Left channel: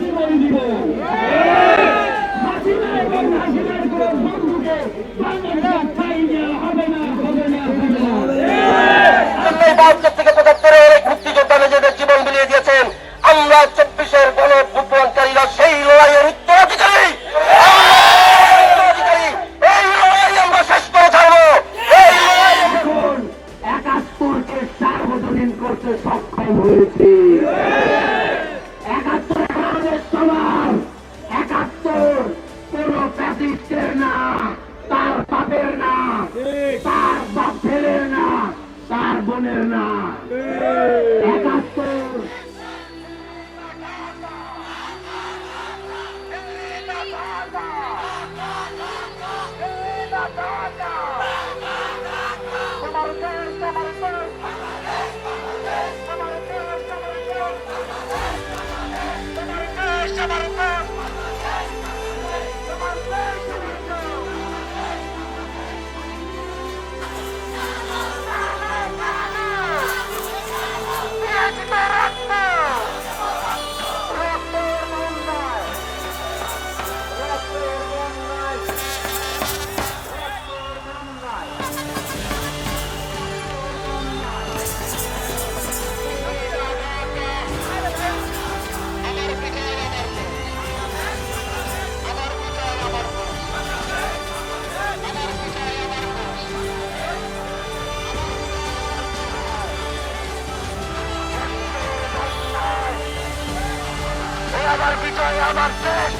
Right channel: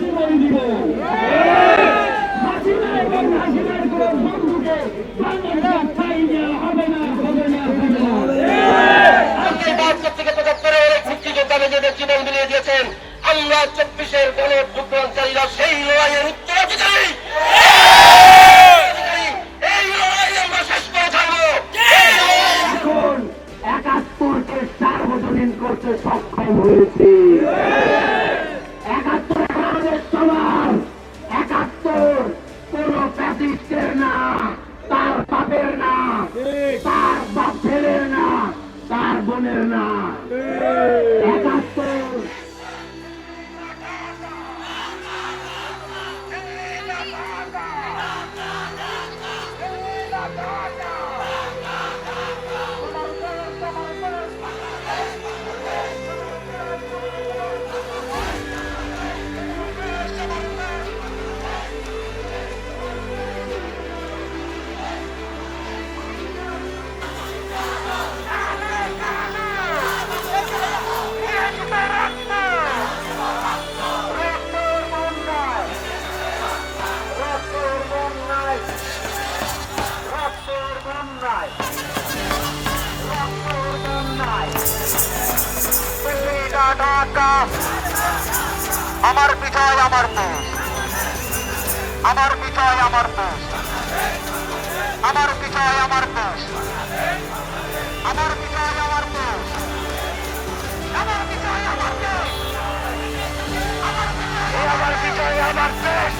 জীবন দিব হাসিনা এবং হাসিনার কোন বন্ধুকে বাংলাদেশ ছাই দেওয়া হবে না, হবে না, হবে না। থেকে ৭৫ মুক্তিযোদ্ধা নিজেদের জীবন বিলিয়ে দিয়েছেন। আমরা ২৪-এর গণঅভ্যুত্থানকারীরা সেই লড়াইয়ের উত্তরাধিকারী। এই লড়াই আমরা শেষ করে থাকবো। এখন ৭১-কে সার্বজনীন করতে সক্ষম হয়েছি। ৭১ আমাদের সবার। ৭১ কোন ফ্যাসিস্টের না, তার বাপের না, তার বাপ ছেলের না, তার বোনের না। ৭১ আমার বিজয় আমার দেশ, আমার বিজয় আমার দেশ, আমার বিজয় আমার দেশ, আমার বিজয় আমার দেশ, আমার বিজয় আমার দেশ।